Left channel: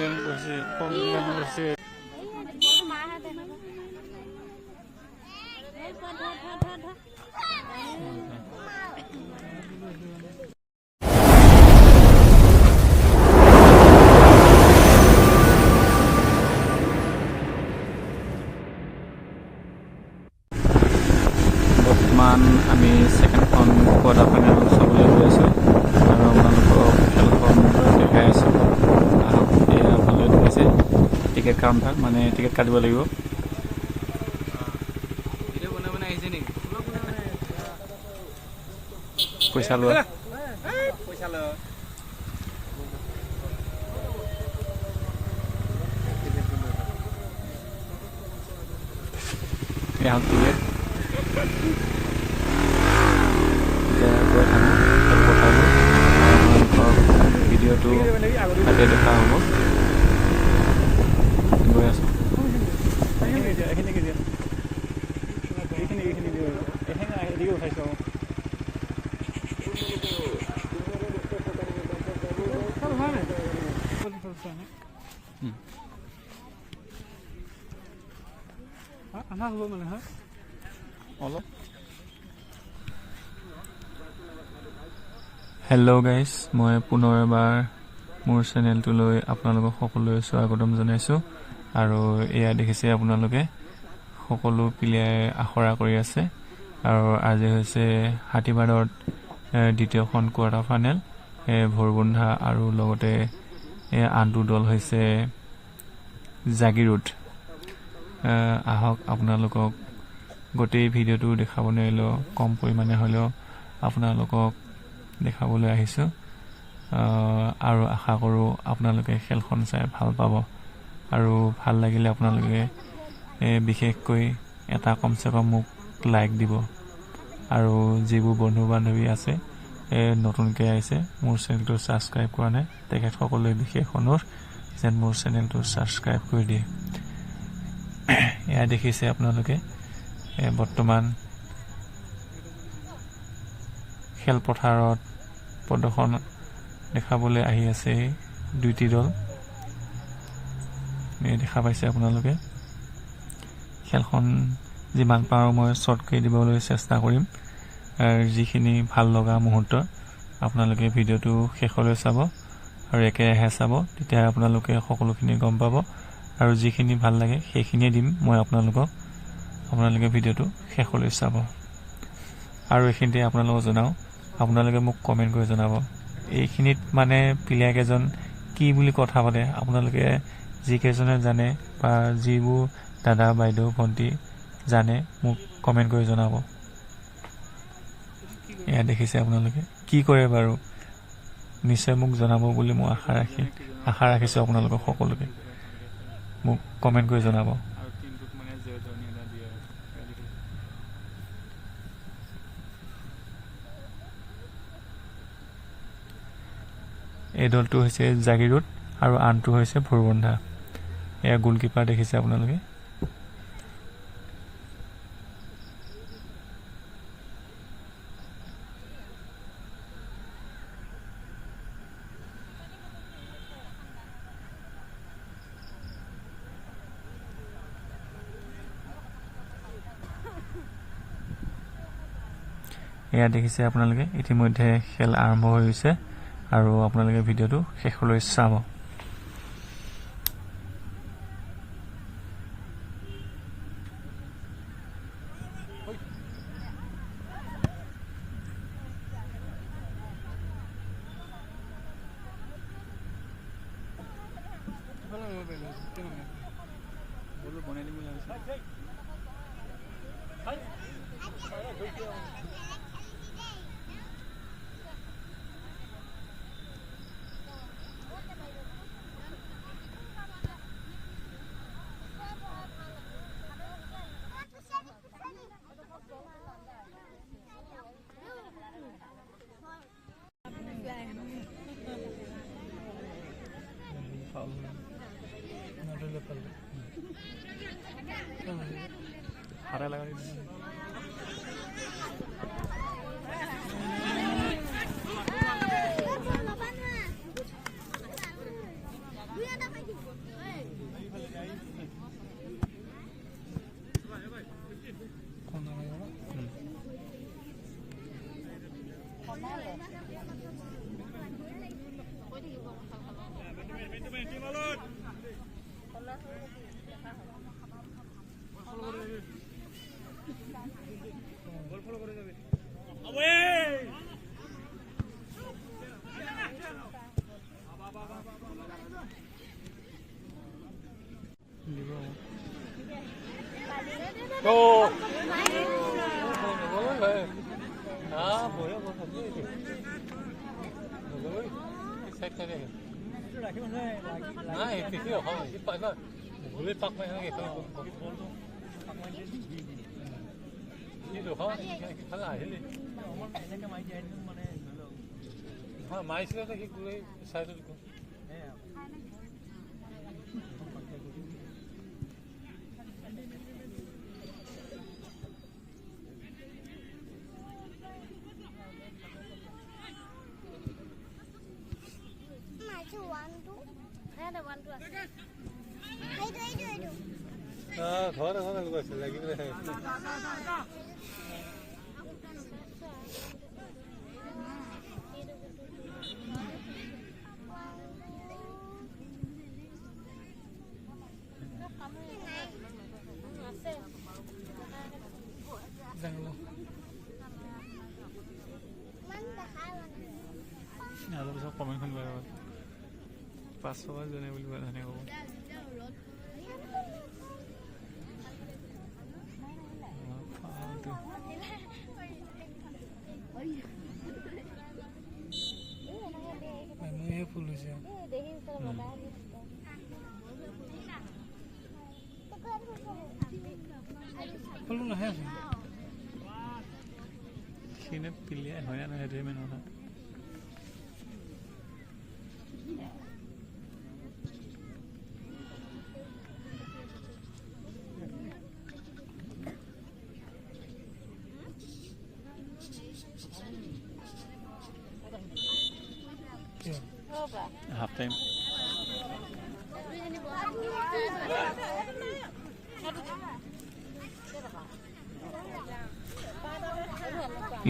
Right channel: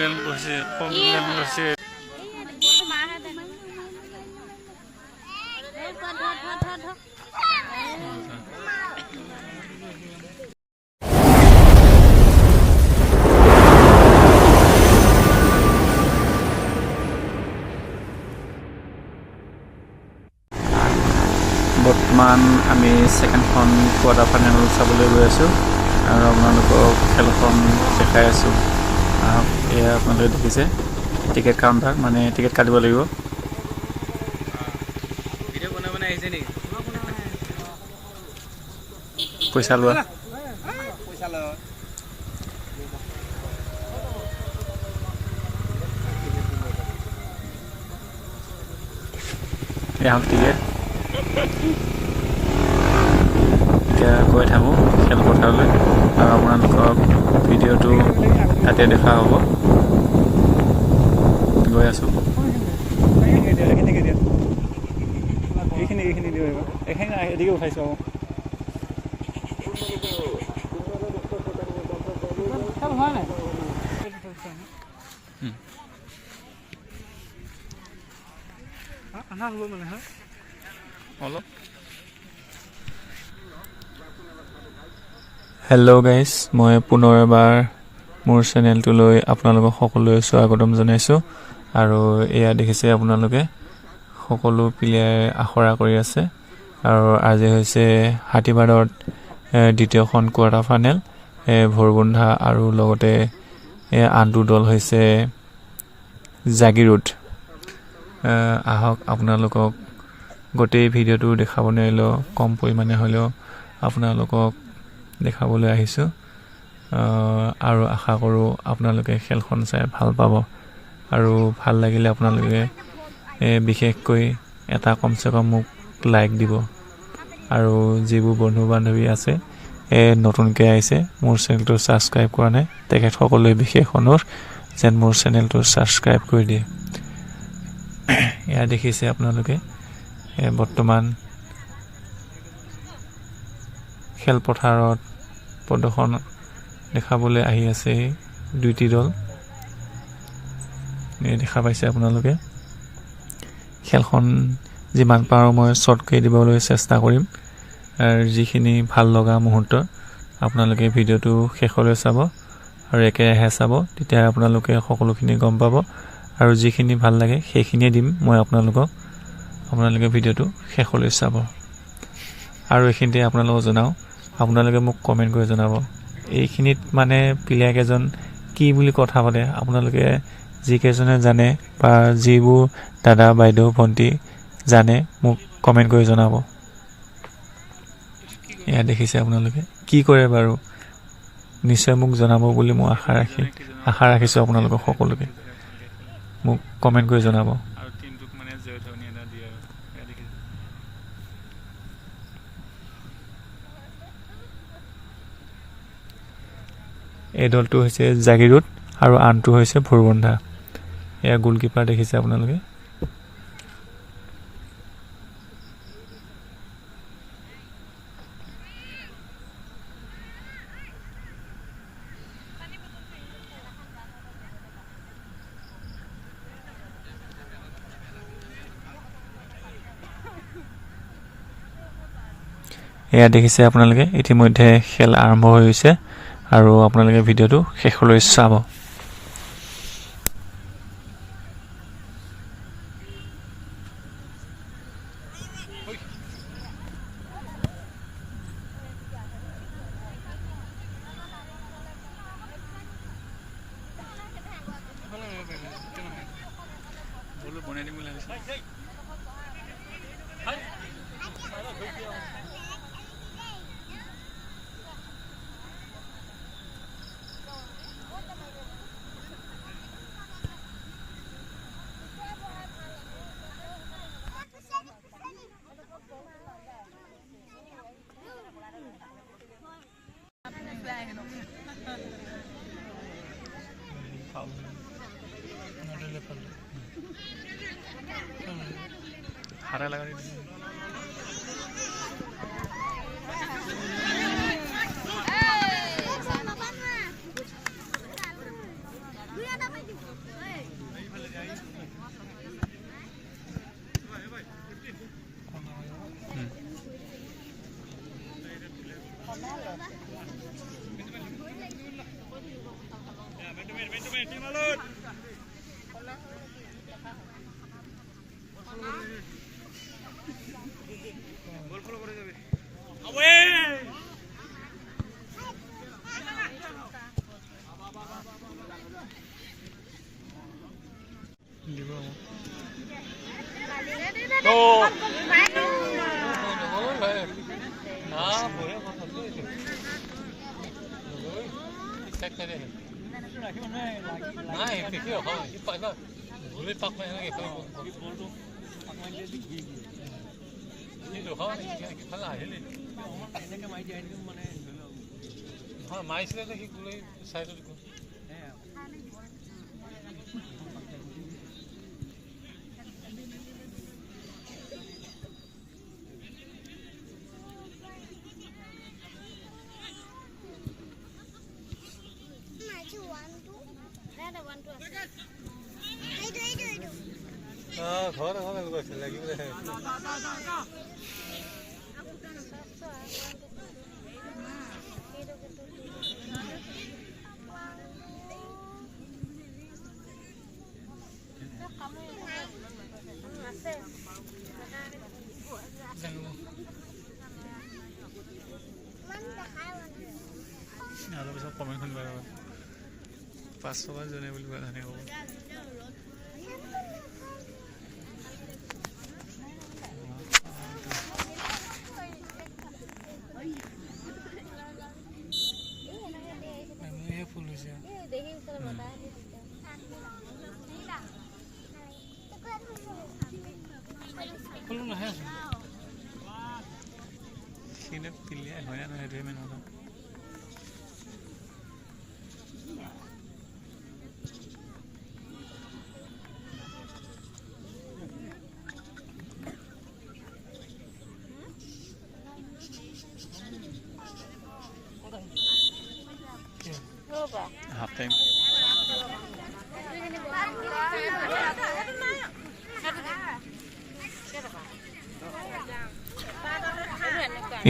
Complain কৰিছে বৰ্তমান আমি সেকেন্ডখন কোৱাৰ্টাৰ ফাইনেল চাবলৈ গৈ আছোঁ আৰু আপোনালোকক খেলখন দেখাই আছোঁ। আহক, এয়া আপোনালোকে দেখিছে টিকেট কাউণ্টাৰ, মানে টিকেট কাটিব লাগিব। পইচা লোৱা এয়া হ'ল টিকেট। এতিয়া গৈ থাকোঁ খেলপথাৰলৈ আৰু আপোনালোকক ভিডিঅ'টো তাতে দেখা হ'ব। গৈ আছোঁ। হেল্ল' গাইজ, মই পুনৰ এবাৰ মোৰ চেনেলটোলৈ আপোনালোকক সকলোৱে স্বাগতম জনাইছোঁ। আৰু এয়া দেখিছে আপোনালোকে সকলো প্লেয়াৰে আখৰা কৰি আছে। আৰু আজি হৈছে হাতীবাদত দ্বিতীয়খন কোৱাৰ্টাৰ ফাইনেল, ভৰবন্ধা আৰু লগতে আনটো দল হৈছে জাগিৰোড। আহক, আপোনালোকক গোটেই ভিডিঅ'টো দেখাব নোৱাৰিলেও কম পৰিমাণে হ'লেও আপোনালোকক দেখাবলৈ আহিছোঁ। আৰু আশা কৰোঁ আপোনালোকে খেলখন চাই ভাল পাব। আৰু ভাল লাগিলে আপোনালোকে বিশেষকৈ এটা কমচে কম মোক লাইক দিব। আৰু যিবোৰ বন্ধু বান্ধৱী আছে নতুনকৈ আহিছে, মোৰ চেনেলটো ছাবস্ক্ৰাইব কৰা নাই, তেখেতসকললৈ বিশেষ অনুৰোধ যেন মোৰ চেনেলটো ছাবস্ক্ৰাইব কৰি দিয়ে। এয়া দেখিছে আপোনালোকে বৰ্তমান খেলপথাৰত প্ৰদৰ্শন দেখাবলৈ আহি আছে দুইটি দল। দেখা পাইছে আপোনালোকে। খেলখন যিমান পাৰোঁ মই শ্বৰ্টকৈ দিবলৈ চেষ্টা কৰিম। আৰু যিখিনি ভাল লগা মুহূৰ্ত আপোনালোকে ভিডিঅ'টো শেষলৈ চাব আৰু একেৰাহে চাব, তেতিয়া আপোনালোকে সকলোখিনি গম পাব। আৰু যিখিনি ভাল লাগে সেইখিনিয়ে দিম মই আপোনালোকে ভিডিঅ'টো শেষলৈ চাব। আৰু এইখিনিতে আপোনালোকক জনাওঁ, আপোনালোকে মোক কমেণ্ট কৰি জনাব এইখিনিত মানে প্লেয়াৰ কেইজন কি বুলি কথা পাতে। আপোনালোকে যিকেইজনে জানে বা যিবোৰ দাদা বাইদেউ ভণ্টি জানে মোক কমেণ্ট কৰি জনাব। এয়া দেখিছে আপোনালোকে কি কৰে বাৰু, নিশ্চয় মোক জনাব বুলি মই আশা ৰাখিছোঁ। আপোনালোকক সকলোকে মোক কমেণ্ট কৰি জনাব। এই দলটো হৈছে জাগিৰোড আৰু আনটো হৈছে ভুৰবন্ধা। এয়া গোলকিপাৰ দেখিছে আপোনালোকে। এয়া দেখিছে আপোনালোকে ইতিমধ্যে খেল আৰম্ভ হৈছে আৰু আপোনালোকে ভিডিঅ'টো শেষলৈ চাব। হাৰা লাগাই আৰু পিছত কমেণ্টখন বেয়া হ'ব 500 টকা জনে বুলি কোৱা জানে হ'ব ফুল হৈছে ফুল নাহে সিনে পিলিয়া হয় না সেইটোৱে মেইন কথা half time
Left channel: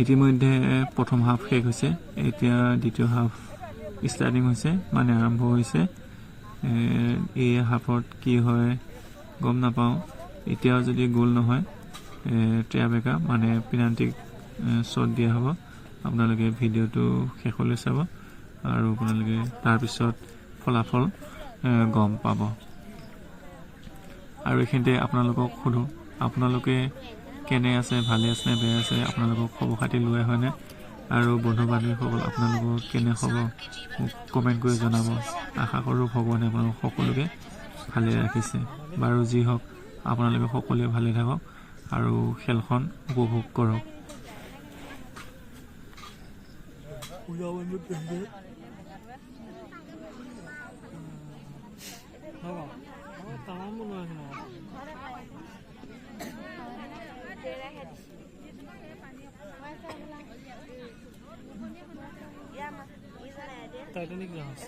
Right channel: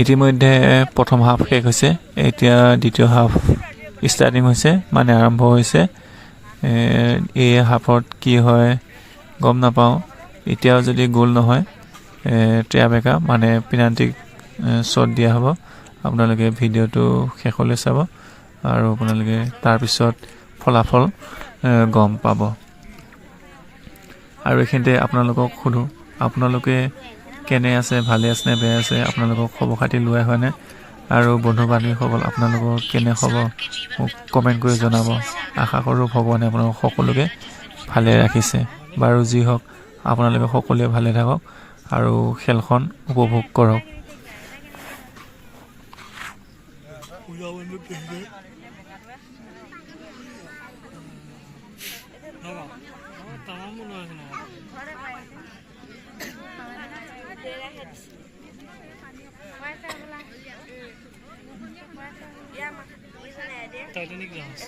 ইতিমধ্যে প্ৰথম হাফ শেষ হৈছে এতিয়া দ্বিতীয় হাফ ষ্টাৰ্টিং হৈছে মানে আৰম্ভ হৈছে এই হাফত কি হয় গম নাপাওঁ এতিয়াও যদি গোল নহয় ট্ৰেয়াবেকা মানে পেনাল্টি শ্বট দিয়া হ'ব আপোনালোকে ভিডিঅ'টো শেষলৈ চাব আৰু আপোনালোকে তাৰপিছত ফলাফল গম পাব আৰু এইখিনিতে আপোনালোকক সোধোঁ আপোনালোকে কেনে আছে ভালে আছে নে বেয়া আছে আপোনালোকক খবৰ খাতি লোৱা হয়নে আৰু বন্ধু বান্ধৱীসকল আপোনালোকৰ কেনে খবৰ মোক কমেণ্ট কৰি জনাব আশা কৰোঁ ভগৱানে আপোনালোক সকলোকে ভালে ৰাখিছে বাৰু যি হওক আপোনালোকে সকলোৱে ভালে থাকক আৰু খেলখন উপভোগ কৰক Titanic Jones.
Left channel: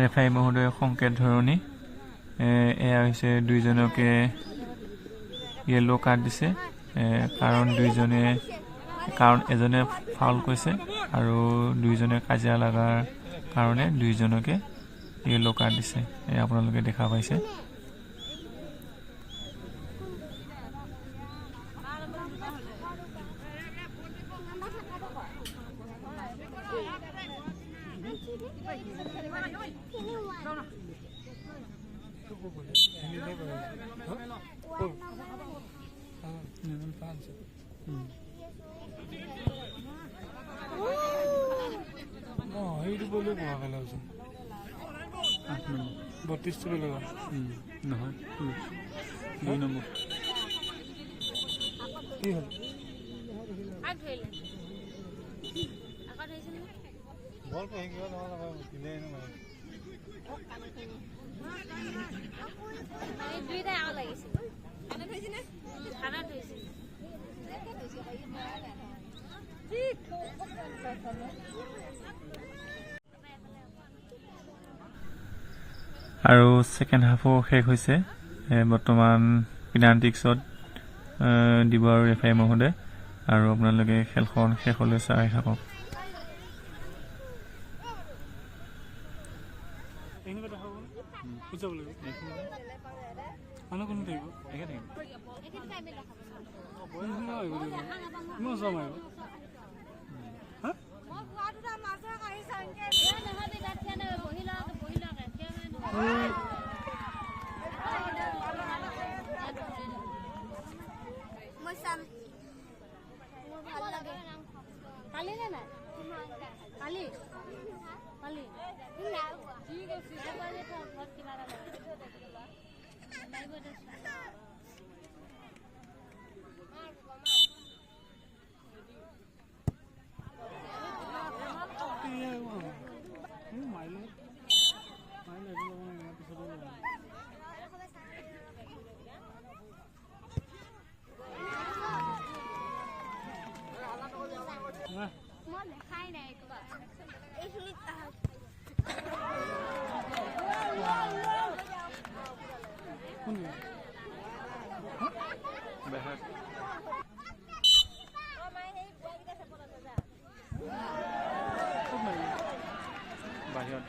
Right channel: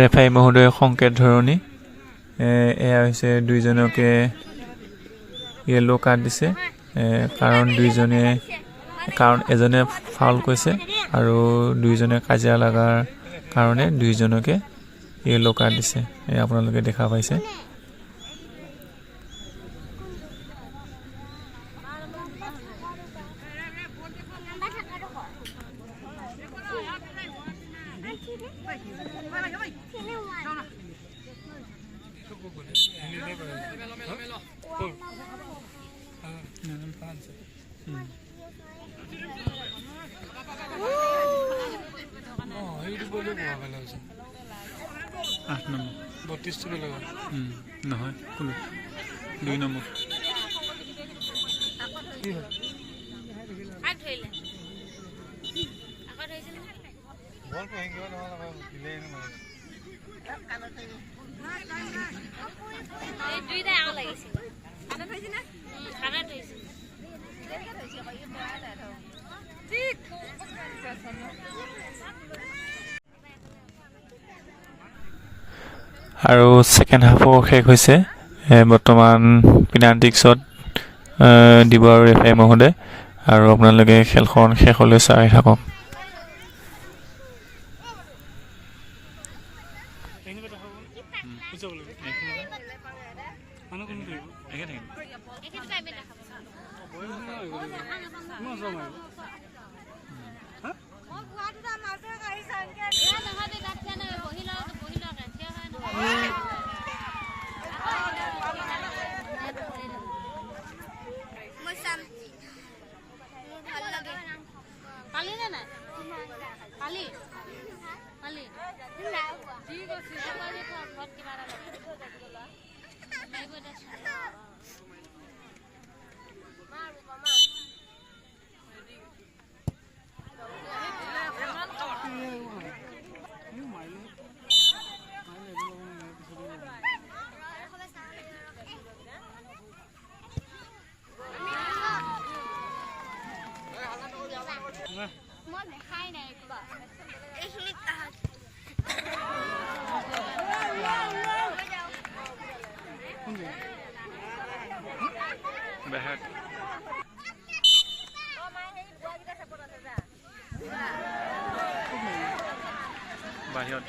ৰেফাৰী মহোদয় সংকেত ধৰণী এয়া হৈছে দুইজনকে য়েলো কাৰ্ড দিছে কাৰণ এজনে ফাউল কৰিছে আৰু দুইজনে কাজিয়া লগাৰ কাৰণে দুইজনকে য়েলো কাৰ্ড দিছে আপোনালোকে দেখা পাইছে নহয় কোনো 2 নম্বৰ আৰু ছেকেণ্ড হাফো শেষ হৈছে। বৰ্তমান পেনাল্টিক্সত দিব আৰু ৰেফাৰী মহোদয়, আৰু আপোনালোকে খেলখন শেষলৈ চাই থাকক। বাহিৰত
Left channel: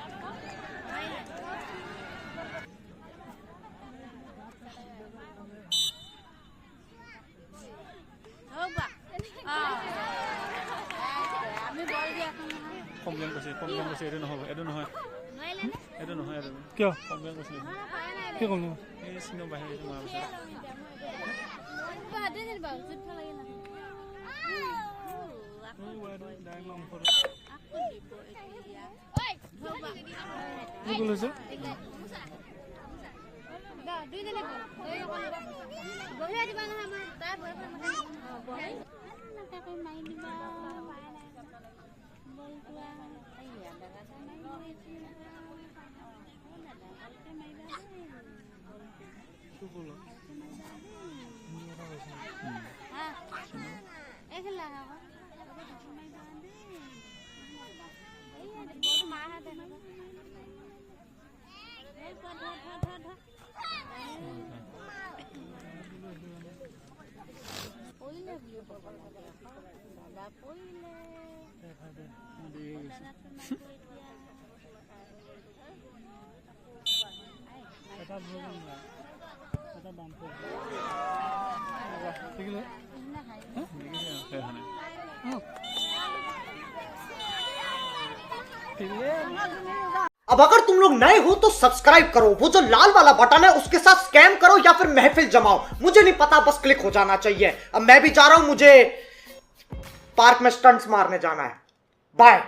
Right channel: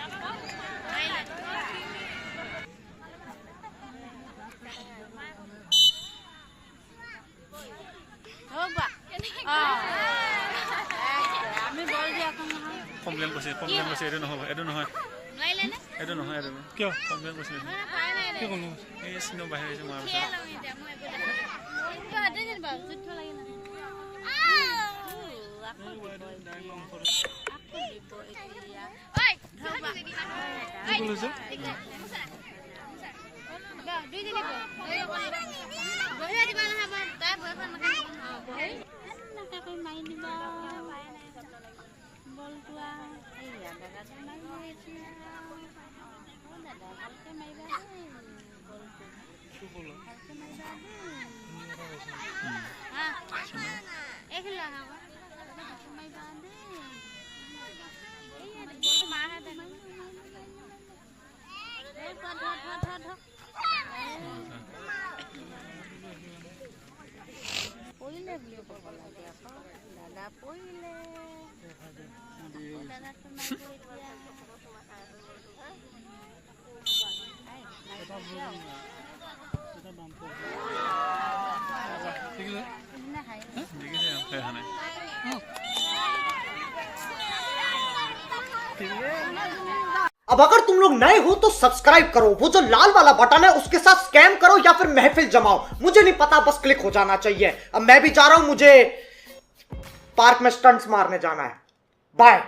কমপ্লেইন কৰিছে এইটো নহ'ব, এইটো নহয়, এইটো নহয়, এইটো কিয় কমপ্লেইন কৰিছে? কি ক'ম এই চিনো বাহিৰ হৈছে মই अब अगर तुम लोग नए हो तो सब्सक्राइब करो, वो जो लाल वाला बटन है उसके साथ स्कैम करो या फिर महफिल जमाओ, मुझे नहीं पता, बस क्लिक हो जाना चाहिए। अब मैं भी जा रहा हूं, मुझे पार्क में स्टंट्स मारने जाना है। बाय।